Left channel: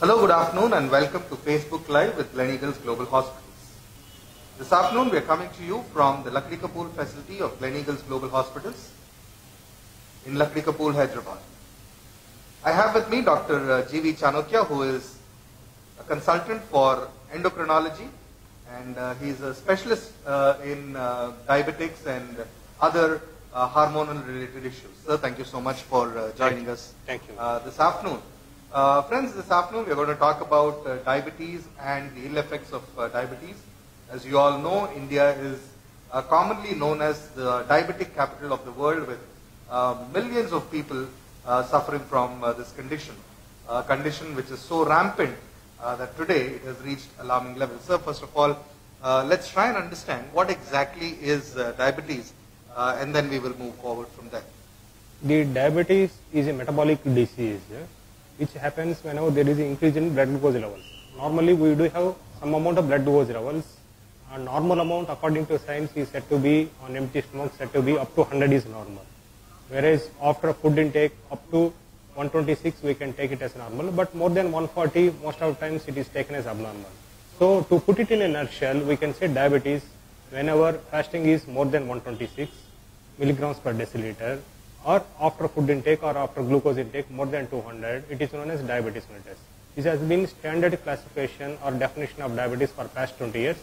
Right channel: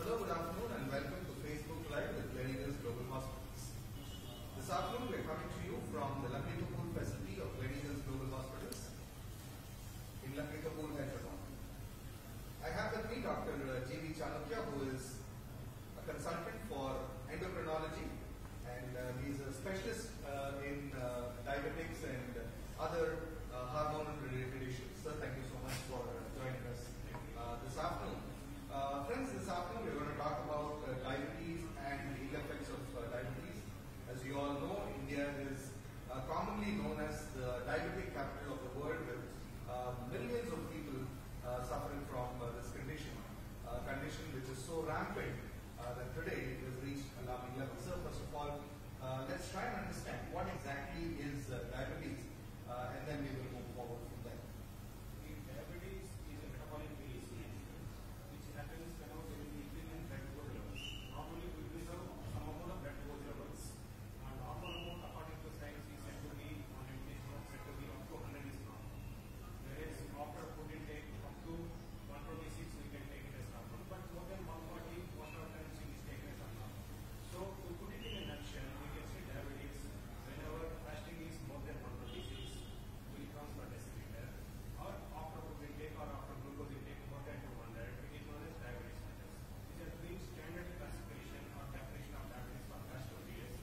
Hello, good afternoon, and welcome to Facebook Live with Gleneagles Global Hospitals. This afternoon, we are coming to you from the Lakdi Kapoor facility of Gleneagles Global Hospitals in Lakdi Kapoor, Hyderabad. I have with me Dr. G.V. Chanokya, who is a consultant for endocrinology, and he is a specialist in diabetics and other hormonal related issues. Sir, thank you so much for joining us this afternoon. Friends, this afternoon we are going to talk about diabetes and the ill effects of diabetes. As you all know, India is commonly known as the diabetic capital of the world, with millions of people suffering from this condition. A condition which is so rampant that today it has reached alarming levels. Sir, first of all, let's try and understand what exactly is diabetes, and then we will move forward from there. The diabetes is a metabolic disease which happens whenever there is an increase in blood glucose levels. Normally we do have some amount of blood glucose levels. A normal amount according to science is said to be, on empty stomach, said to be up to 100 is normal. Whereas after food intake up to 126 we can take it as normal, but more than 140 most of the times it is taken as abnormal. So to put it in a nutshell, we can say diabetes whenever fasting is more than 126 milligrams per deciliter, or after food intake or after glucose intake more than 200, it is known as diabetes mellitus. This has been standard classification or definition of diabetes for past 20 years.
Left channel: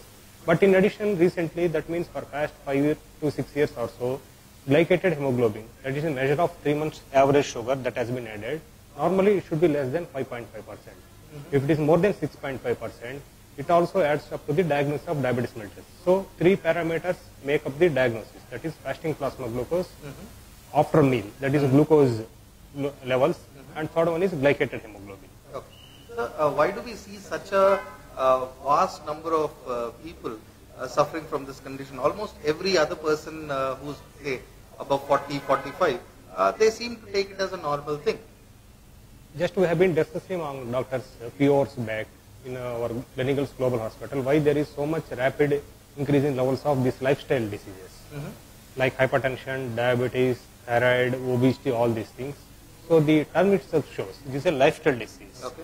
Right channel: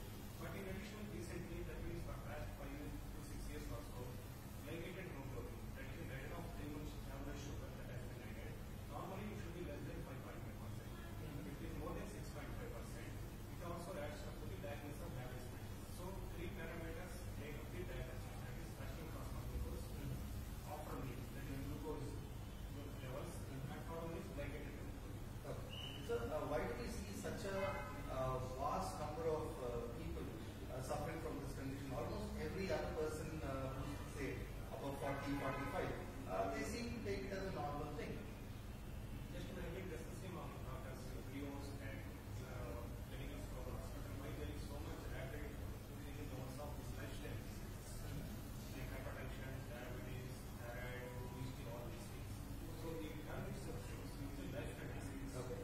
But in addition, recently, that means for past 5 to 6 years or so, glycated hemoglobin, that is a measure of 3 months average sugar, that has been added. Normally, it should be less than 5.5%. If it is more than 6.5%, it also adds up to the diagnosis of diabetes mellitus. So, 3 parameters make up the diagnosis, that is fasting plasma glucose, after meal, that is glucose levels, and third one is glycated hemoglobin. Okay. So, why do we see such a vast number of people suffering from this condition? Almost every other person who's, say, above 40, 45, they seem to take it as a normal thing. Just we have been discussing among doctors a few hours back in our Gleneagles Global Hospital why there is so much rapid increase in levels of these lifestyle diseases, like hypertension, diabetes, thyroid, obesity, all these things. So the term itself shows it is a lifestyle disease. Okay.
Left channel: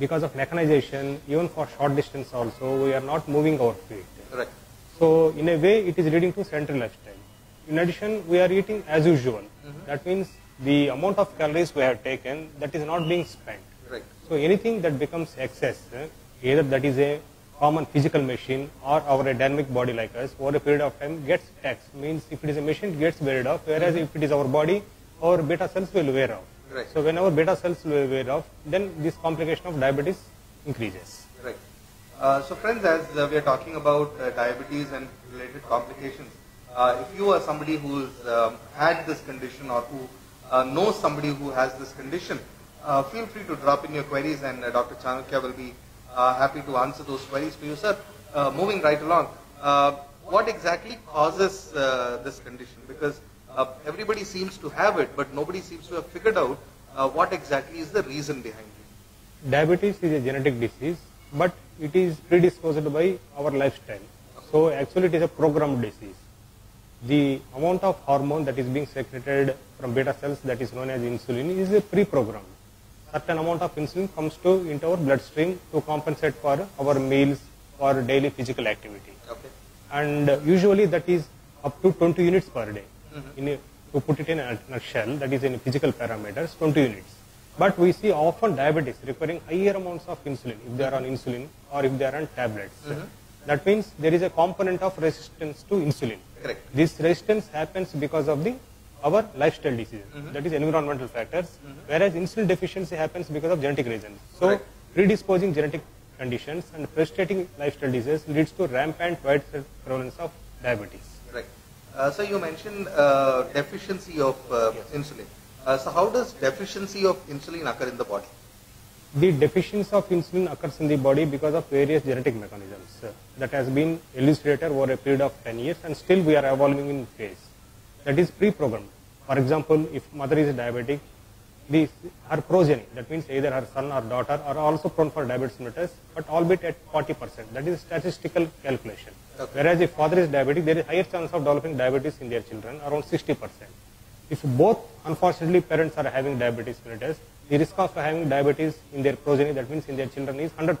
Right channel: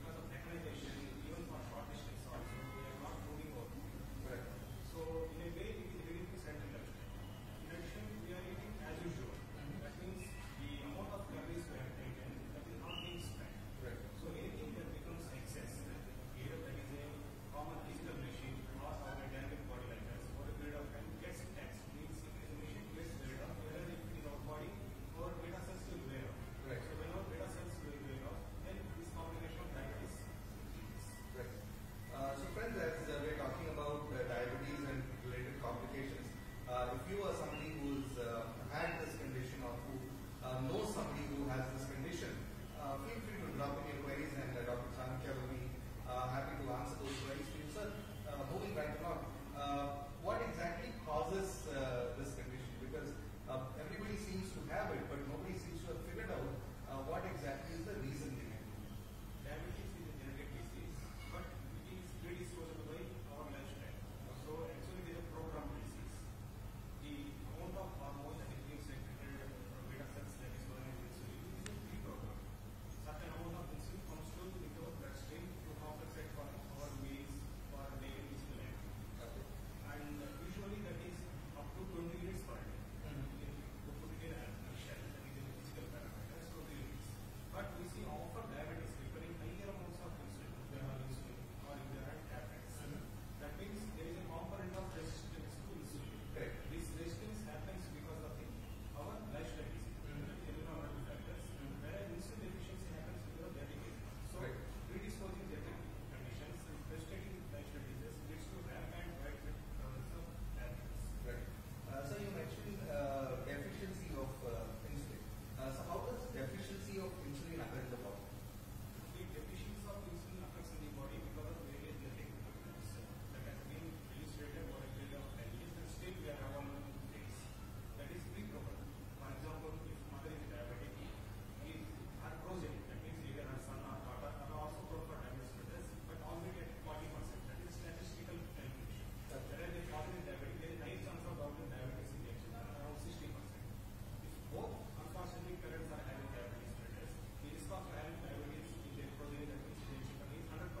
Because of mechanization, even for short distance also, we are not moving our feet. Correct. So in a way, it is leading to sedentary lifestyle. In addition, we are eating as usual. That means the amount of calories we have taken, that is not being spent. Right. So anything that becomes excess, either that is a common physical machine or our dynamic body like us, over a period of time gets taxed. Means if it is a machine, it gets wearied off, whereas if it is our body, our beta cells will wear off. Right. So when our beta cells will wear off, then this complication of diabetes increases. Right. So friends, as we are talking about diabetes and related complications, if you are somebody who's had this condition or who knows somebody who has this condition, feel free to drop in your queries, and Dr. Chanokya will be happy to answer those queries for you, sir. Moving right along, what exactly causes this condition? Because everybody seems to have it, but nobody seems to have figured out what exactly is the reason behind it. Diabetes is a genetic disease, but it is predisposed by our lifestyle. So actually it is a programmed disease. The amount of hormone that is being secreted from beta cells, that is known as insulin, is a pre-programmed. Certain amount of insulin comes into our bloodstream to compensate for our meals or daily physical activity. Okay. And usually that is up to 20 units per day. To put it in a nutshell, that is in physical parameters, 20 units. But we see often diabetics requiring higher amounts of insulin if they are on insulin or if they are on tablets. That means there is a component of resistance to insulin. Correct. This resistance happens because of our lifestyle disease, that is environmental factors, whereas insulin deficiency happens because of genetic reasons. So predisposing genetic conditions and frustrating lifestyle disease leads to rampant widespread prevalence of diabetes. Right. So you mentioned deficiency of insulin. So how does deficiency of insulin occur in the body? The deficiency of insulin occurs in the body because of various genetic mechanisms that has been elucidated over a period of 10 years, and still we are evolving in phase. That is pre-programmed. For example, if mother is diabetic, her progeny, that means either her son or daughter, are also prone for diabetes mellitus, but albeit at 40%. That is statistical calculation. Okay. Whereas if father is diabetic, there is higher chance of developing diabetes in their children, around 60%. If both, unfortunately, parents are having diabetes mellitus, the risk of having diabetes in their progeny, that means in their children, is 100%.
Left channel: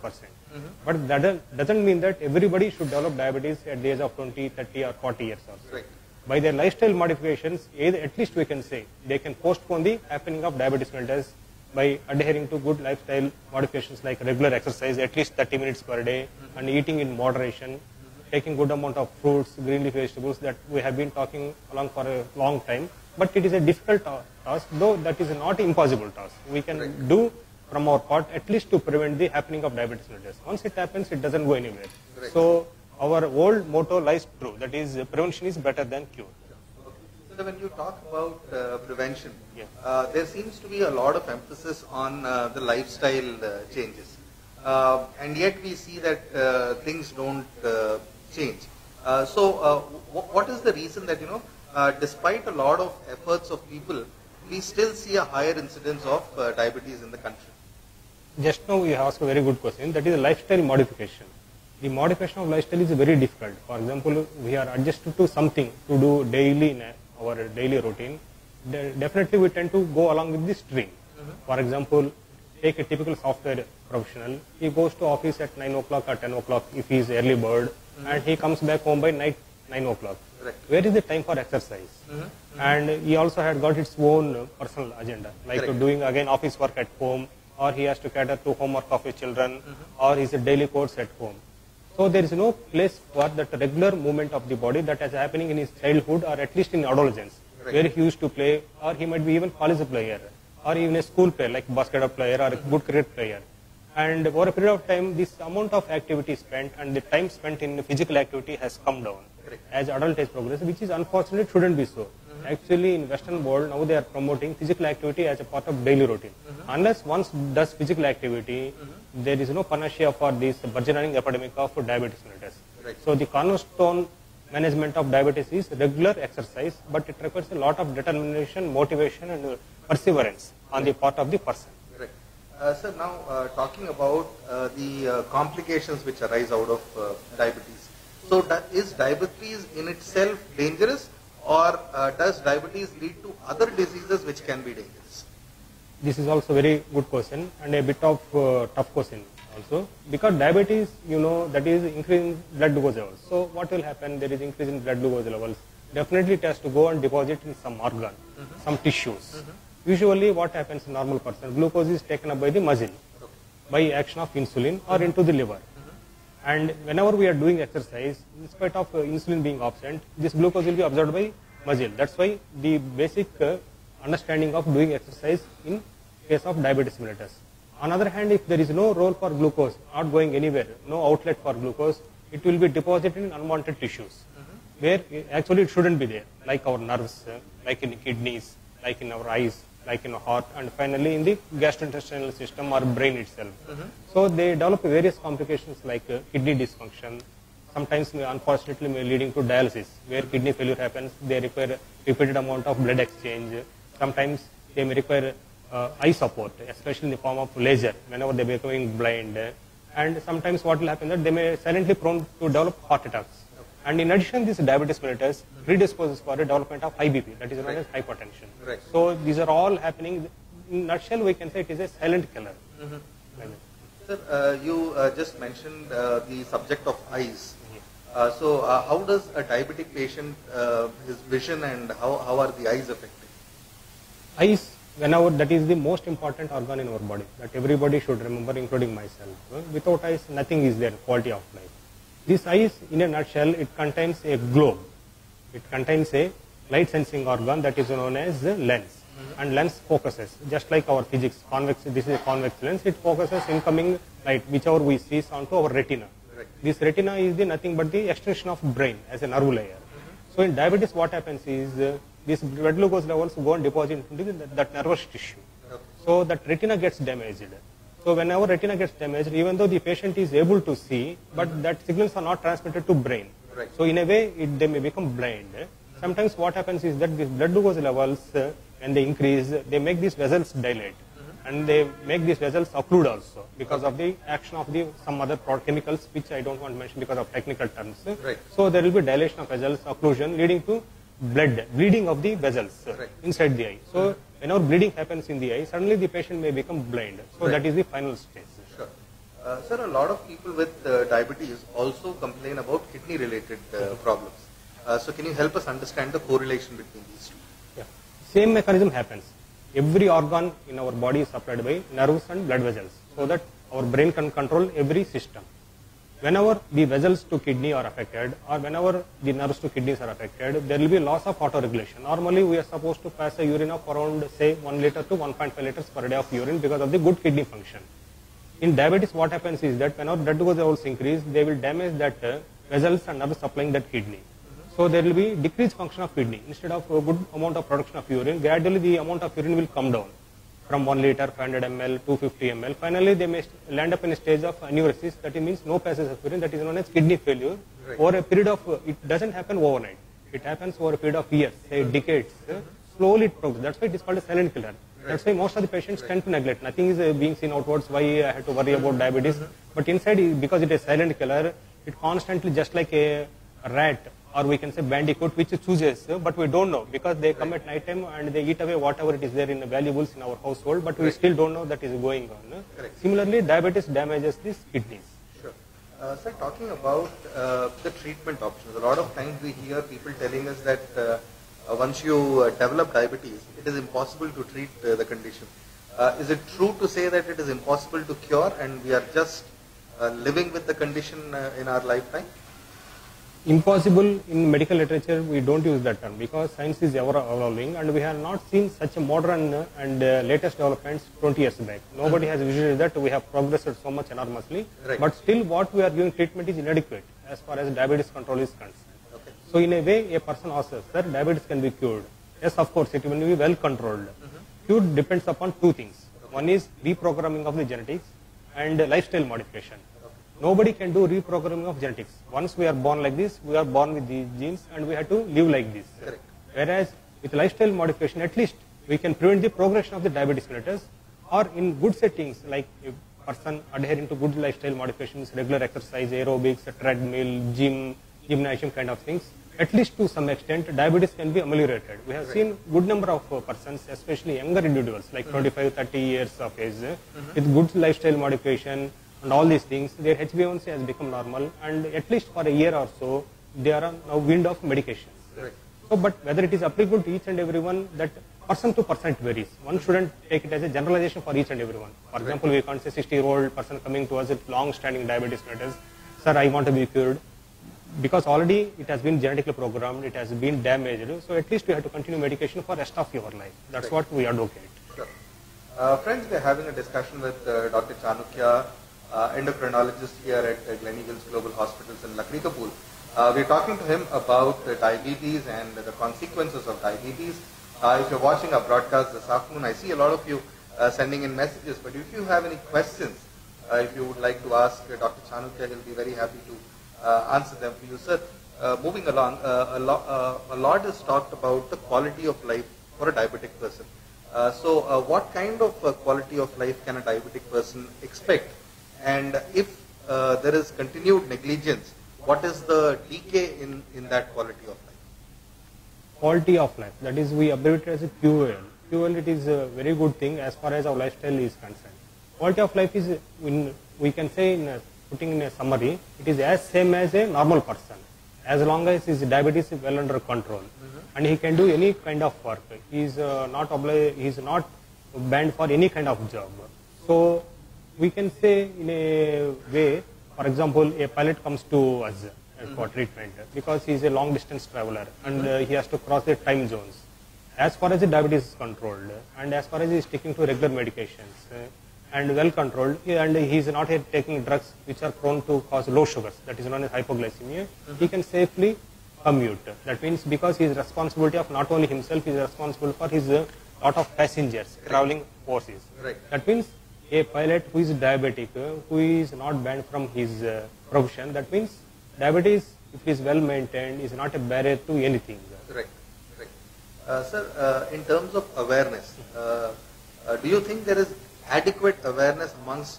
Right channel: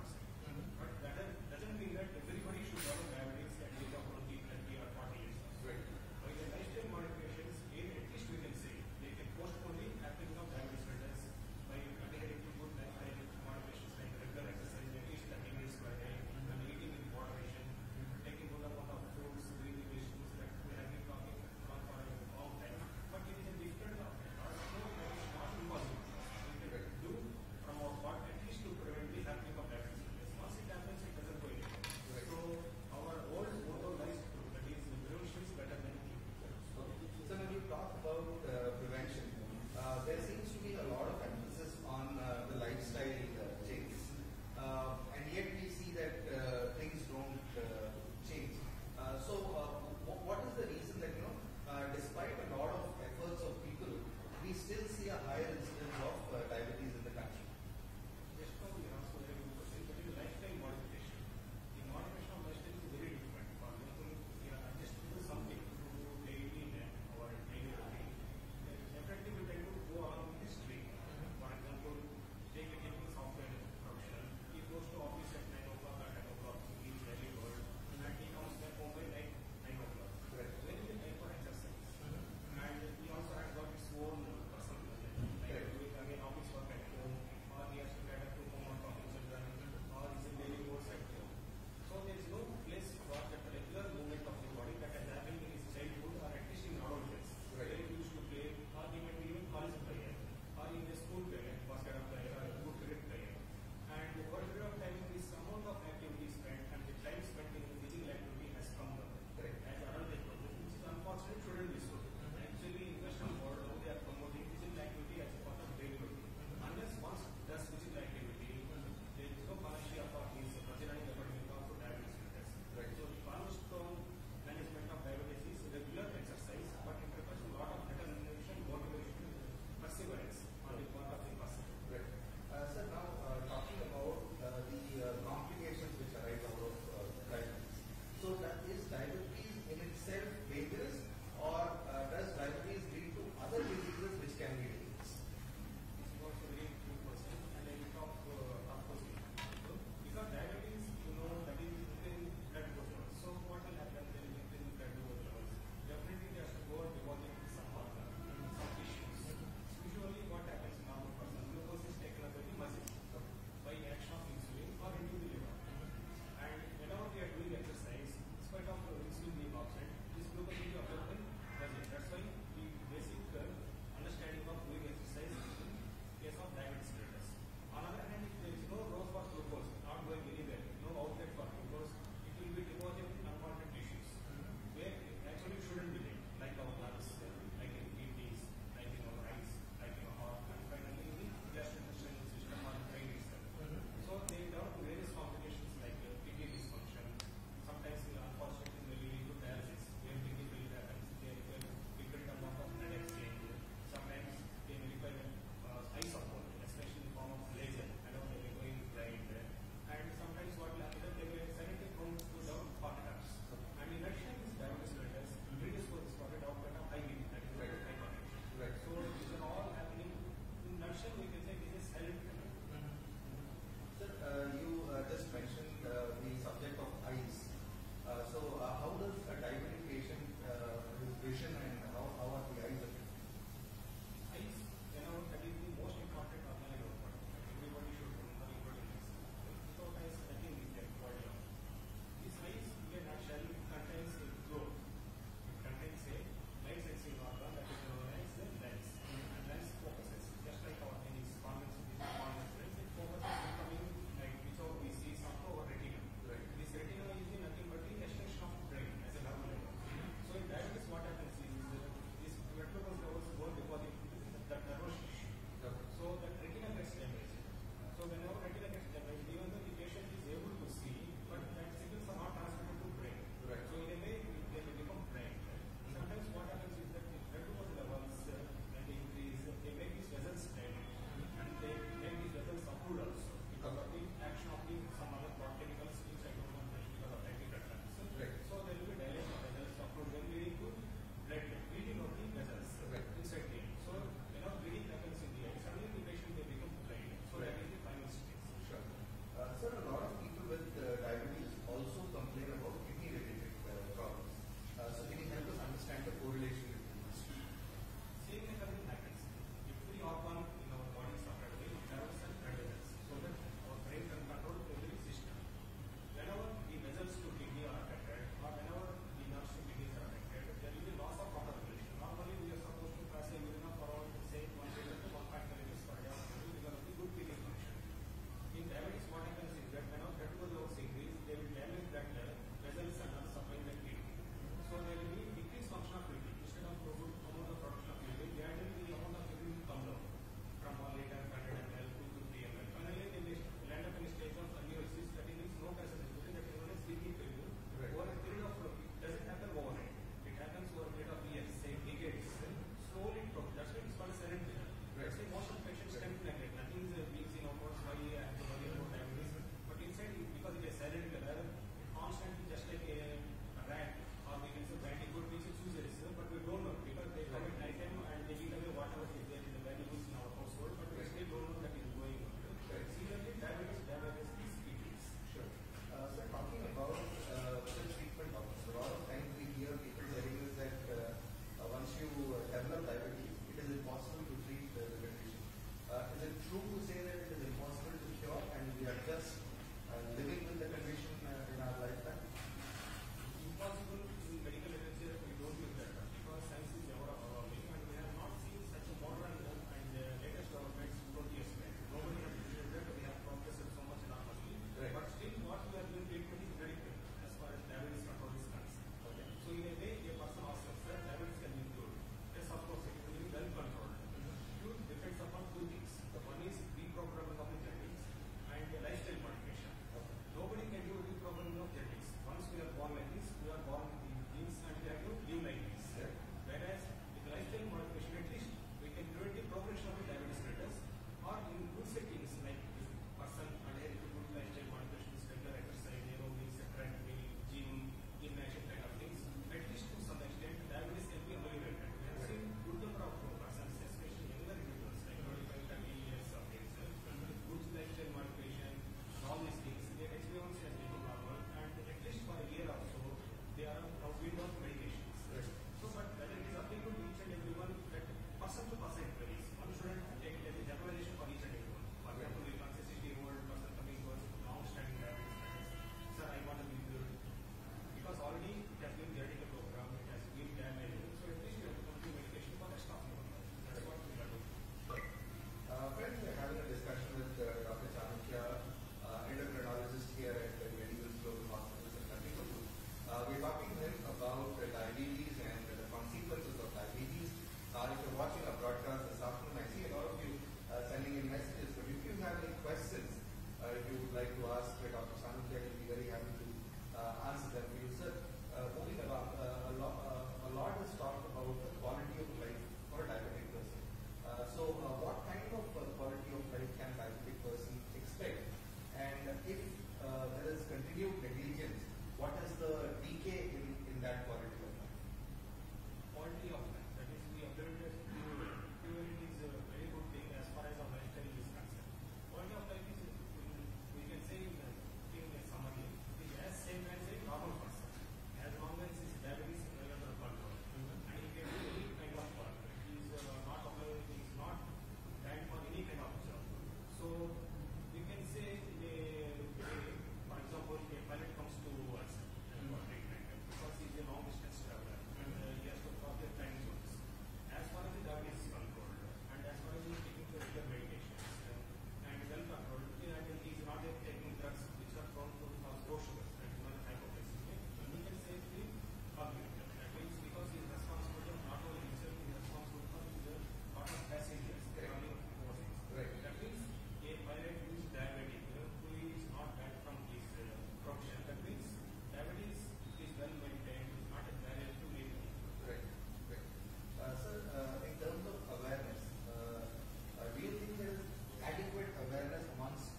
But that doesn't mean that everybody should develop diabetes at the age of 20, 30 or 40 years also. Right. By their lifestyle modifications, at least we can say, they can postpone the happening of diabetes mellitus by adhering to good lifestyle modifications like regular exercise, at least 30 minutes per day, and eating in moderation, taking good amount of fruits, green leafy vegetables that we have been talking along for a long time. But it is a difficult task, though that is not impossible task. We can do from our part at least to prevent the happening of diabetes mellitus. Once it happens, it doesn't go anywhere. So our old motto lies true, that is prevention is better than cure. So when you talk about prevention, there seems to be a lot of emphasis on the lifestyle changes. And yet we see that things don't change. So what is the reason that, despite a lot of efforts of people, we still see a higher incidence of diabetes in the country? Just now you asked a very good question, that is a lifestyle modification. The modification of lifestyle is very difficult. For example, we are adjusted to something to do daily in our daily routine. Definitely we tend to go along with this stream. For example, take a typical software professional. He goes to office at 9 o'clock or 10 o'clock if he is early bird, and he comes back home by night 9 o'clock. Where is the time for exercise? And he also had got its own personal agenda, like doing again office work at home, or he has to cater to homework of his children, or his daily course at home. So there is no place for that regular movement of the body that is happening in his childhood or at least in adolescence, where he used to play, or he might be even college player, or even a school player like basketball player or a good cricket player. And over a period of time, this amount of activity spent and the time spent in physical activity has come down as adult age progresses, which is unfortunate, shouldn't be so. Actually, in Western world, now they are promoting physical activity as a part of daily routine. Unless one does physical activity, there is no panacea for this burgeoning epidemic of diabetes mellitus. So the cornerstone management of diabetes is regular exercise, but it requires a lot of determination, motivation, and perseverance on the part of the person. Sir, now talking about the complications which arise out of diabetes. So is diabetes in itself dangerous, or does diabetes lead to other diseases which can be dangerous? This is also a very good question and a bit of tough question also, because diabetes, that is increasing blood glucose levels. So what will happen? There is increase in blood glucose levels. Definitely it has to go and deposit in some organ, some tissues. Usually what happens in normal person, glucose is taken up by the muscle by action of insulin or into the liver. And whenever we are doing exercise, in spite of insulin being absent, this glucose will be absorbed by muscle. That's why the basic understanding of doing exercise in case of diabetes mellitus. On the other hand, if there is no role for glucose, not going anywhere, no outlet for glucose, it will be deposited in unwanted tissues, where actually it shouldn't be there, like our nerves, like in kidneys, like in our eyes, like in our heart, and finally in the gastrointestinal system or brain itself. So they develop various complications like kidney dysfunction, sometimes unfortunately leading to dialysis, where kidney failure happens. They require repeated amount of blood exchange. Sometimes they may require eye support, especially in the form of laser, whenever they are becoming blind. And sometimes what will happen that they may silently prone to develop heart attacks. And in addition, this diabetes mellitus predisposes for a development of high BP, that is known as hypertension. So these are all happening. In a nutshell, we can say it is a silent killer. Sir, you just mentioned the subject of eyes. So how does a diabetic patient, his vision, and how are the eyes affected? Eyes, whenever, that is the most important organ in our body, that everybody should remember, including myself. Without eyes, nothing is there, quality of life. This eyes, in a nutshell, it contains a globe. It contains a light sensing organ that is known as the lens. And lens focuses, just like our physics, convex, this is a convex lens, it focuses incoming light, whichever we see, onto our retina. This retina is nothing but the extension of brain as a nerve layer. So in diabetes, what happens is, these blood glucose levels go and deposit into that nervous tissue. So that retina gets damaged. So whenever retina gets damaged, even though the patient is able to see, but that signals are not transmitted to brain. So in a way, they may become blind. Sometimes what happens is that these blood glucose levels, when they increase, they make these vessels dilate. And they make these vessels occlude also, because of the action of some other chemicals, which I don't want to mention because of technical terms. So there will be dilation of vessels, occlusion, leading to bleeding of the vessels inside the eye. So whenever bleeding happens in the eye, suddenly the patient may become blind. So that is the final stage. Sure. Sir, a lot of people with diabetes also complain about kidney-related problems. So can you help us understand the correlation between these two? Yeah. Same mechanism happens. Every organ in our body is supplied by nerves and blood vessels, so that our brain can control every system. Whenever the vessels to kidney are affected, or whenever the nerves to kidneys are affected, there will be loss of autoregulation. Normally, we are supposed to pass a urine of around, say, 1 liter to 1.5 liters per day of urine because of the good kidney function. In diabetes, what happens is that whenever blood glucose levels increase, they will damage that vessels and nerves supplying that kidney. So there will be decreased function of kidney. Instead of a good amount of production of urine, gradually the amount of urine will come down from 1 liter, 500 ml, 250 ml. Finally, they may land up in a stage of anuresis, that means no passage of urine, that is known as kidney failure. Right. Over a period of, it doesn't happen overnight. It happens over a period of years, say decades. Slowly it progresses. That's why it is called a silent killer. That's why most of the patients tend to neglect. Nothing is being seen outwards, why I have to worry about diabetes. But inside, because it is silent killer, it constantly, just like a rat, or we can say bandicoot, which chooses, but we don't know, because they come at night time and they eat away whatever it is there in the valuables in our household, but we still don't know that is going on. Similarly, diabetes damages these kidneys. Sure. Sir, talking about the treatment options, a lot of times we hear people telling us that once you develop diabetes, it is impossible to treat the condition. Is it true to say that it is impossible to cure and we are just living with the condition in our lifetime? Impossible, in medical literature we don't use that term, because science is ever evolving and we have not seen such a modern and latest developments 20 years back. Nobody has visualized that we have progressed so much enormously, but still what we are giving treatment is inadequate as far as diabetes control is concerned. So in a way, a person asks us, sir, diabetes can be cured. Yes, of course, it will be well controlled. Cure depends upon two things. One is reprogramming of the genetics and lifestyle modification. Nobody can do reprogramming of genetics. Once we are born like this, we are born with these genes and we have to live like this. Whereas with lifestyle modification, at least we can prevent the progression of the diabetes mellitus, or in good settings like a person adhering to good lifestyle modifications, regular exercise, aerobics, treadmill, gym, gymnasium kind of things, at least to some extent diabetes can be ameliorated. We have seen good number of persons, especially younger individuals like 25, 30 years of age, with good lifestyle modification and all these things, their HbA1c has become normal, and at least for a year or so, they are now weaned off medications. Right. So, but whether it is applicable to each and everyone, that person to person it varies. One shouldn't take it as a generalization for each and everyone. For example, we can't say 60-year-old person coming to us with long-standing diabetes mellitus, sir, I want to be cured. Because already it has been genetically programmed, it has been damaged, so at least we have to continue medication for the rest of your life. That's what we advocate. Sure. Friends, we are having a discussion with Dr. Chanukya, endocrinologist here at Gleneagles Global Hospitals in Lakhrikapul. We are talking to him about diabetes and the consequences of diabetes. If you're watching our broadcast this afternoon, I see a lot of you sending in messages, but if you have any questions, if you would like to ask Dr. Chanukya, he'll be very happy to answer them for you. Sir, moving along, a lot is talked about the quality of life for a diabetic person. So what kind of quality of life can a diabetic person expect? And if there is continued negligence, what is the decay in that quality of life? Quality of life, that is, we abbreviate as a QOL. QOL, it is a very good thing as far as our lifestyle is concerned. Quality of life is, we can say, putting in a summary, it is as same as a normal person, as long as his diabetes is well under control, and he can do any kind of work. He is not banned for any kind of job. So we can say in a way, for example, a pilot comes to us for treatment because he is a long distance traveler and he has to cross the time zones. As far as the diabetes is controlled and as far as he is sticking to regular medications and well controlled, and he is not taking drugs which are prone to cause low sugars, that is known as hypoglycemia, he can safely commute. That means because his responsibility of not only himself, he is responsible for his lot of passengers, traveling forces. That means a pilot who is diabetic, who is not banned from his profession, that means diabetes, if it is well maintained, is not a barrier to anything. Right. Sir, in terms of awareness, do you think there is adequate awareness amongst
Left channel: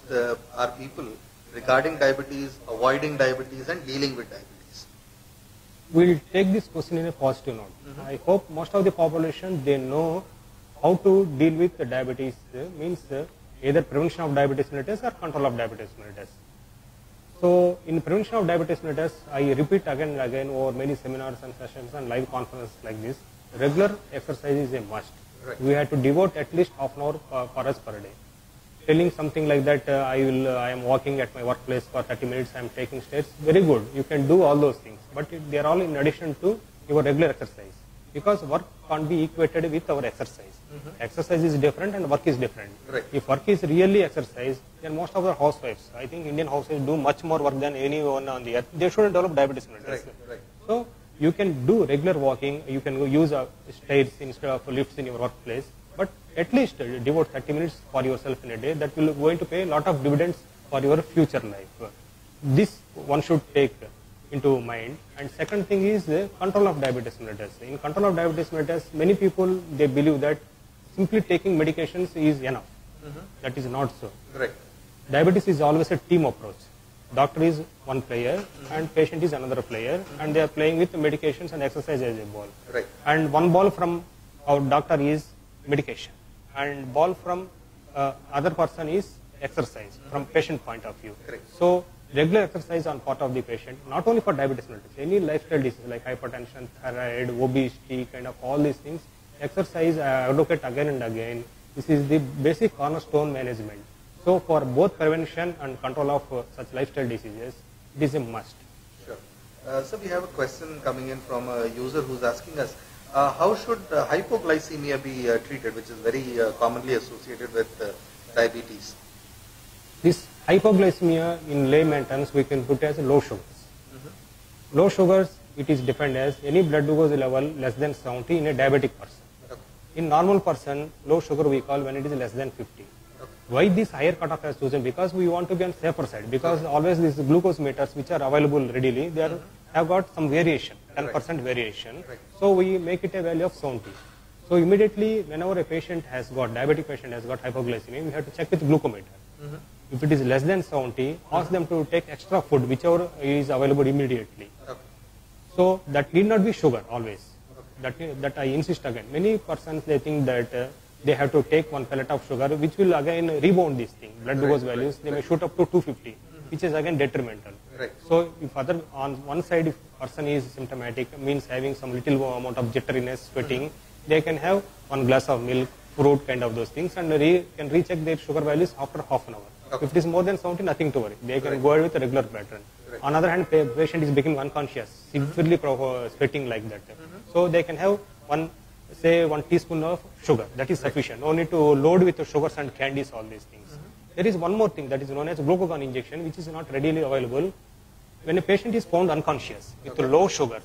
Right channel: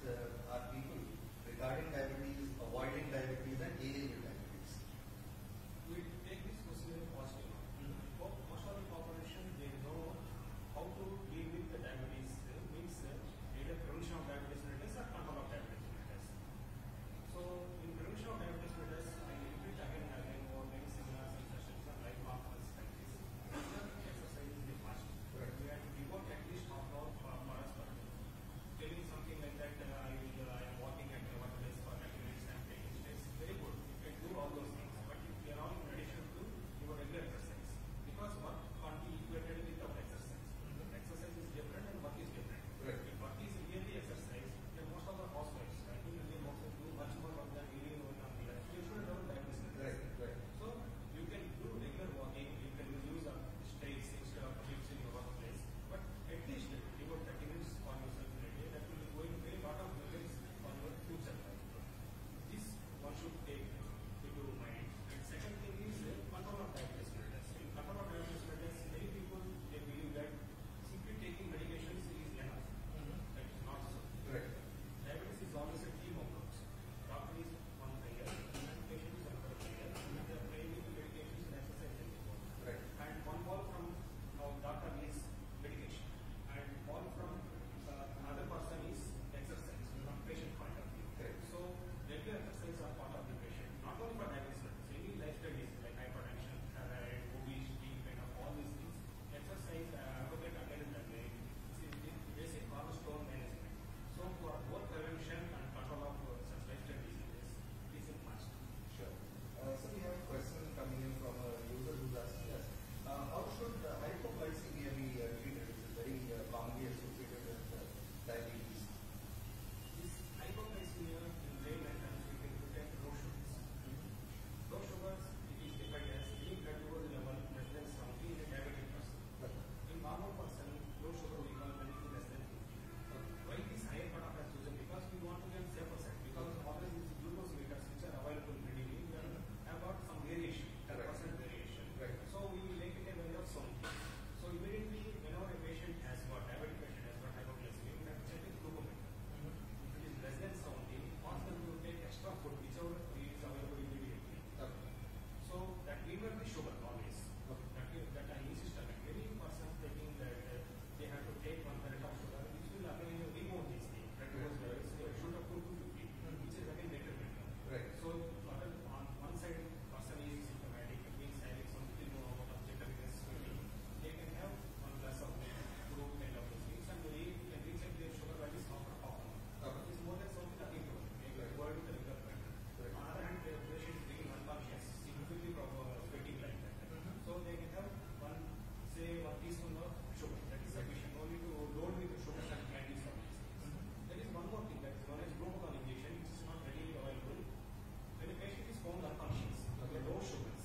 our people regarding diabetes, avoiding diabetes and dealing with diabetes? We'll take this question in a positive note. I hope most of the population, they know how to deal with the diabetes means either prevention of diabetes mellitus or control of diabetes mellitus. So in prevention of diabetes mellitus, I repeat again and again over many seminars and sessions and live conferences like this, regular exercise is a must. Right. We have to devote at least half an hour for us per day. Telling something like that, I am walking at my workplace for 30 minutes, I am taking stairs, very good. You can do all those things, but they are all in addition to your regular exercise, because work can't be equated with our exercise. Exercise is different and work is different. Right. If work is really exercise, then most of our housewives, I think Indian housewives do much more work than anyone on the earth. They shouldn't develop diabetes mellitus. Right. Right. So you can do regular walking, you can use stairs instead of lifts in your workplace, but at least devote 30 minutes for yourself in a day. That will going to pay a lot of dividends for your future life. This one should take into mind. And second thing is control of diabetes mellitus. In control of diabetes mellitus, many people, they believe that simply taking medications is enough. That is not so. Right. Diabetes is always a team approach. Doctor is one player and patient is another player, and they are playing with medications and exercise as a ball. Right. And one ball from our doctor is medication, and ball from other person is exercise from patient point of view. Correct. So regular exercise on part of the patient, not only for diabetes mellitus, any lifestyle disease like hypertension, thyroid, obesity, kind of all these things, exercise I advocate again and again. This is the basic cornerstone management. So for both prevention and control of such lifestyle diseases, it is a must. Sure. So we have a question coming in from a user who's asking us, how should hypoglycemia be treated, which is very commonly associated with diabetes? This hypoglycemia in layman terms we can put as low sugars. Low sugars, it is defined as any blood glucose level less than 70 in a diabetic person. In normal person, low sugar we call when it is less than 50. Why this higher cutoff has chosen? Because we want to be on safer side. Because always these glucose meters which are available readily, they have got some variation, 10% variation. So we make it a value of 70. So immediately whenever a patient has got, diabetic patient has got hypoglycemia, we have to check with glucometer. If it is less than 70, ask them to take extra food, whichever is available immediately. So that need not be sugar always. That I insist again. Many persons, they think that they have to take one pellet of sugar, which will again rebound this thing. Blood glucose values, they may shoot up to 250, which is again detrimental. Right. So if on one side, if person is symptomatic, means having some little amount of jitteriness, sweating, they can have one glass of milk, fruit, kind of those things, and can recheck their sugar values after half an hour. If it is more than 70, nothing to worry. They can go ahead with a regular pattern. On the other hand, patient is becoming unconscious, severely sweating like that. So they can have one teaspoon of sugar. That is sufficient. No need to load with the sugars and candies, all these things. There is one more thing that is known as glucagon injection, which is not readily available. When a patient is found unconscious with low sugars,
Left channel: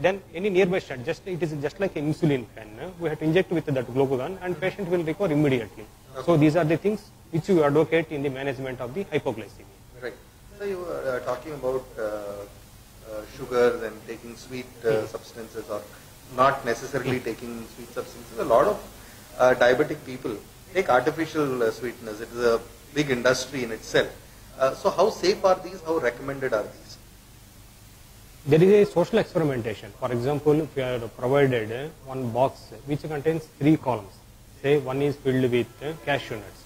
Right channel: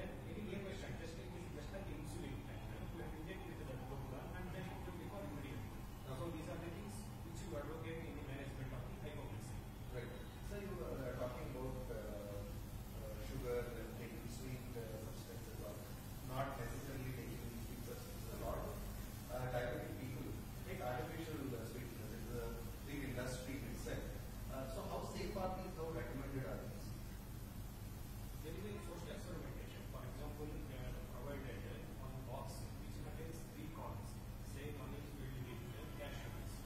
then any nearby stent, it is just like an insulin pen. We have to inject with that glucagon and patient will recover immediately. So these are the things which you advocate in the management of the hypoglycemia. Right. So you were talking about sugars and taking sweet substances, or not necessarily taking sweet substances. A lot of diabetic people take artificial sweeteners. It is a big industry in itself. So how safe are these? How recommended are these? There is a social experimentation. For example, if you are provided one box which contains 3 columns, say one is filled with cashew nuts,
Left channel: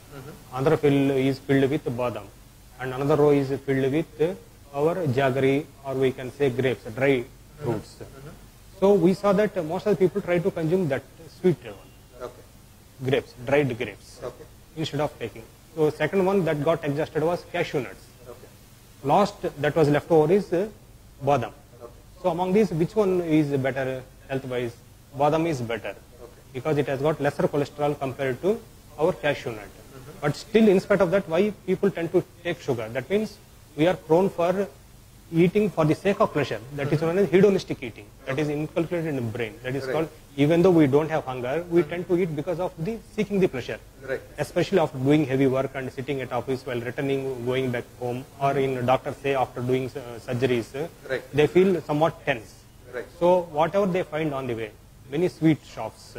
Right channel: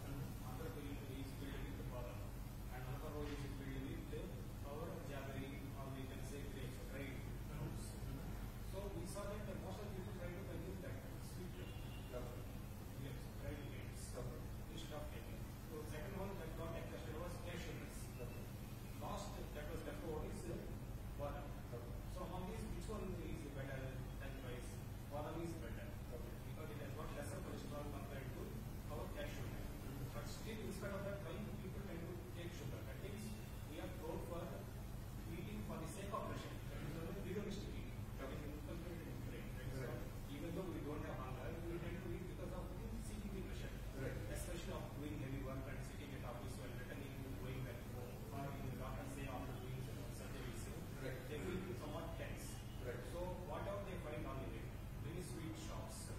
another is filled with badam, and another row is filled with our jaggery, or we can say grapes, dry fruits. So we saw that most of the people try to consume that sweet grapes, dried grapes, instead of taking. So second one that got adjusted was cashew nuts. Last that was left over is badam. So among these, which one is better health-wise? Badam is better because it has got lesser cholesterol compared to our cashew nut. But still, in spite of that, why people tend to take sugar? That means we are prone for eating for the sake of pleasure. That is known as hedonistic eating. That is inculcated in the brain. That is called, even though we don't have hunger, we tend to eat because of the seeking the pleasure. Right. Especially after doing heavy work and sitting at office while returning, going back home, or in doctors say after doing surgeries, they feel somewhat tense. Right. So whatever they find on the way, many sweet shops,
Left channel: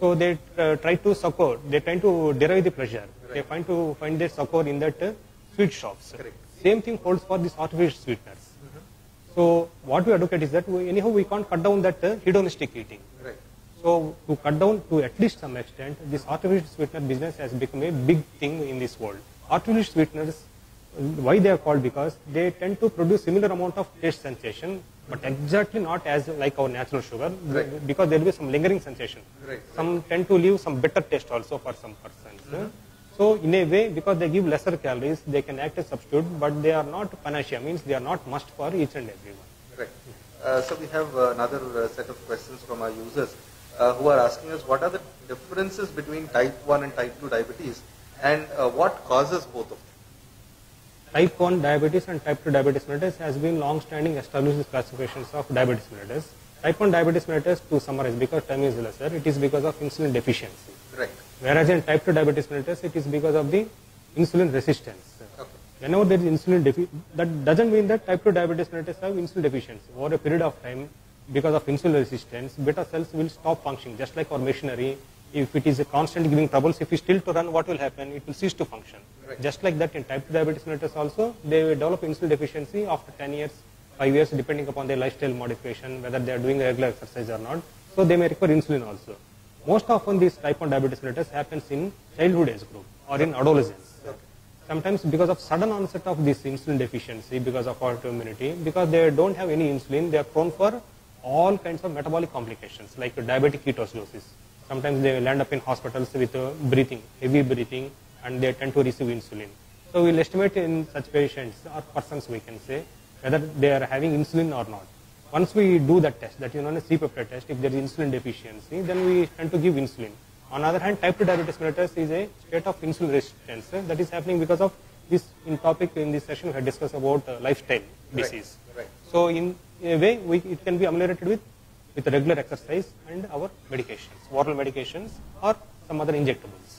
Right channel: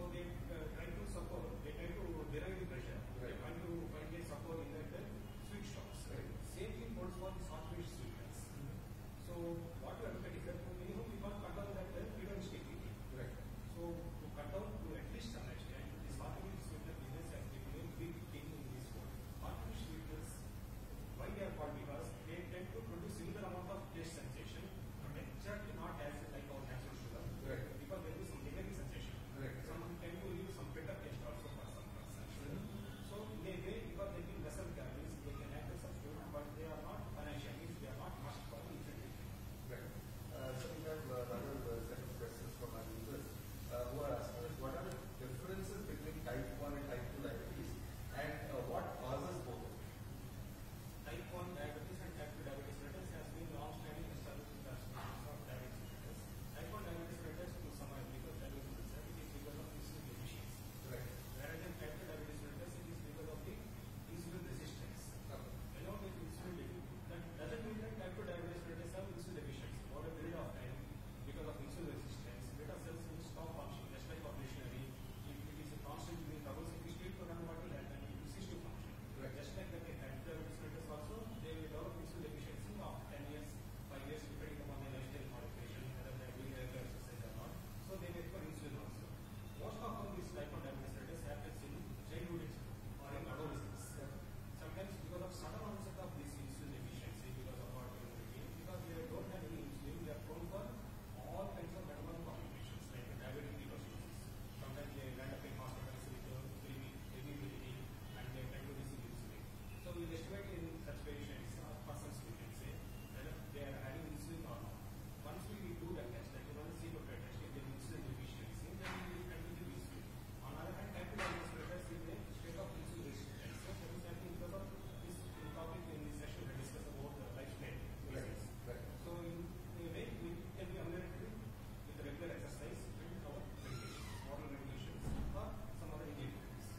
so they try to succor, they try to derive the pleasure. They find their succor in that sweet shops. Same thing holds for these artificial sweeteners. So what we advocate is that anyhow we can't cut down that hedonistic eating. So to cut down to at least some extent, this artificial sweetener business has become a big thing in this world. Artificial sweeteners, why they are called? Because they tend to produce similar amount of taste sensation, but exactly not as like our natural sugar, because there will be some lingering sensation. Some tend to leave some bitter taste also for some persons. So in a way, because they give lesser calories, they can act as substitute, but they are not panacea, means they are not must for each and everyone. Correct. So we have another set of questions from our users who are asking us what are the differences between type 1 and type 2 diabetes, and what causes both of them? Type 1 diabetes and type 2 diabetes mellitus has been long-standing established classifications of diabetes mellitus. Type 1 diabetes mellitus, to summarize, because time is lesser, it is because of insulin deficiency. Right. Whereas in type 2 diabetes mellitus, it is because of the insulin resistance. Okay. Whenever there is insulin deficiency, that doesn't mean that type 2 diabetes mellitus have insulin deficiency. Over a period of time, because of insulin resistance, beta cells will stop functioning, just like our machinery. If it is a constant giving troubles, if it is still to run, what will happen? It will cease to function. Right. Just like that in type 2 diabetes mellitus also, they will develop insulin deficiency after 10 years, 5 years, depending upon their lifestyle modification, whether they are doing regular exercise or not. So they may require insulin also. Most often this type 1 diabetes mellitus happens in childhood age group or in adolescence. Sometimes because of sudden onset of this insulin deficiency, because of autoimmunity, because they don't have any insulin, they are prone for all kinds of metabolic complications like diabetic ketoacidosis. Sometimes they will end up in hospitals with breathing, heavy breathing, and they tend to receive insulin. So we will estimate in such patients or persons, we can say, whether they are having insulin or not. Once we do that test, that is known as C-peptide test, if there is insulin deficiency, then we tend to give insulin. On the other hand, type 2 diabetes mellitus is a state of insulin resistance that is happening because of this in this session we had discussed about lifestyle disease. Right. So in a way, it can be ameliorated with regular exercise and our medications, oral medications or some other injectables.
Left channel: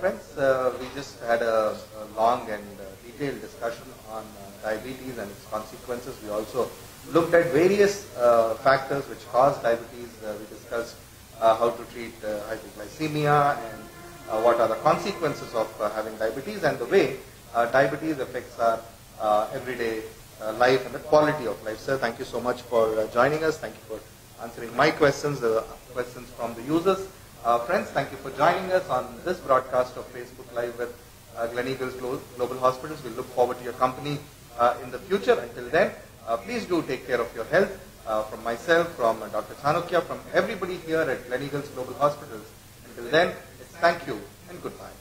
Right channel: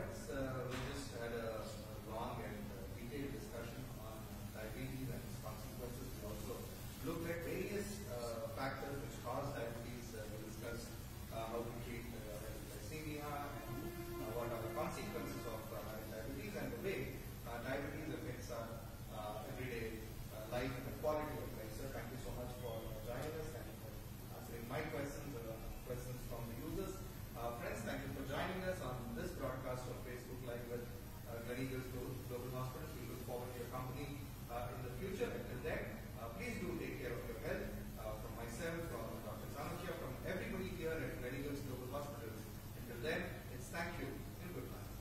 Friends, we just had a long and detailed discussion on diabetes and its consequences. We also looked at various factors which cause diabetes. We discussed how to treat hypoglycemia and what are the consequences of having diabetes and the way diabetes affects our everyday life and the quality of life. Sir, thank you so much for joining us. Thank you for answering my questions, the questions from the users. Friends, thank you for joining us on this broadcast of Facebook Live with Gleneagles Global Hospitals. We look forward to your company in the future. Until then, please do take care of your health. From myself, from Dr. Chanukya, from everybody here at Gleneagles Global Hospitals. Until then, thank you and goodbye.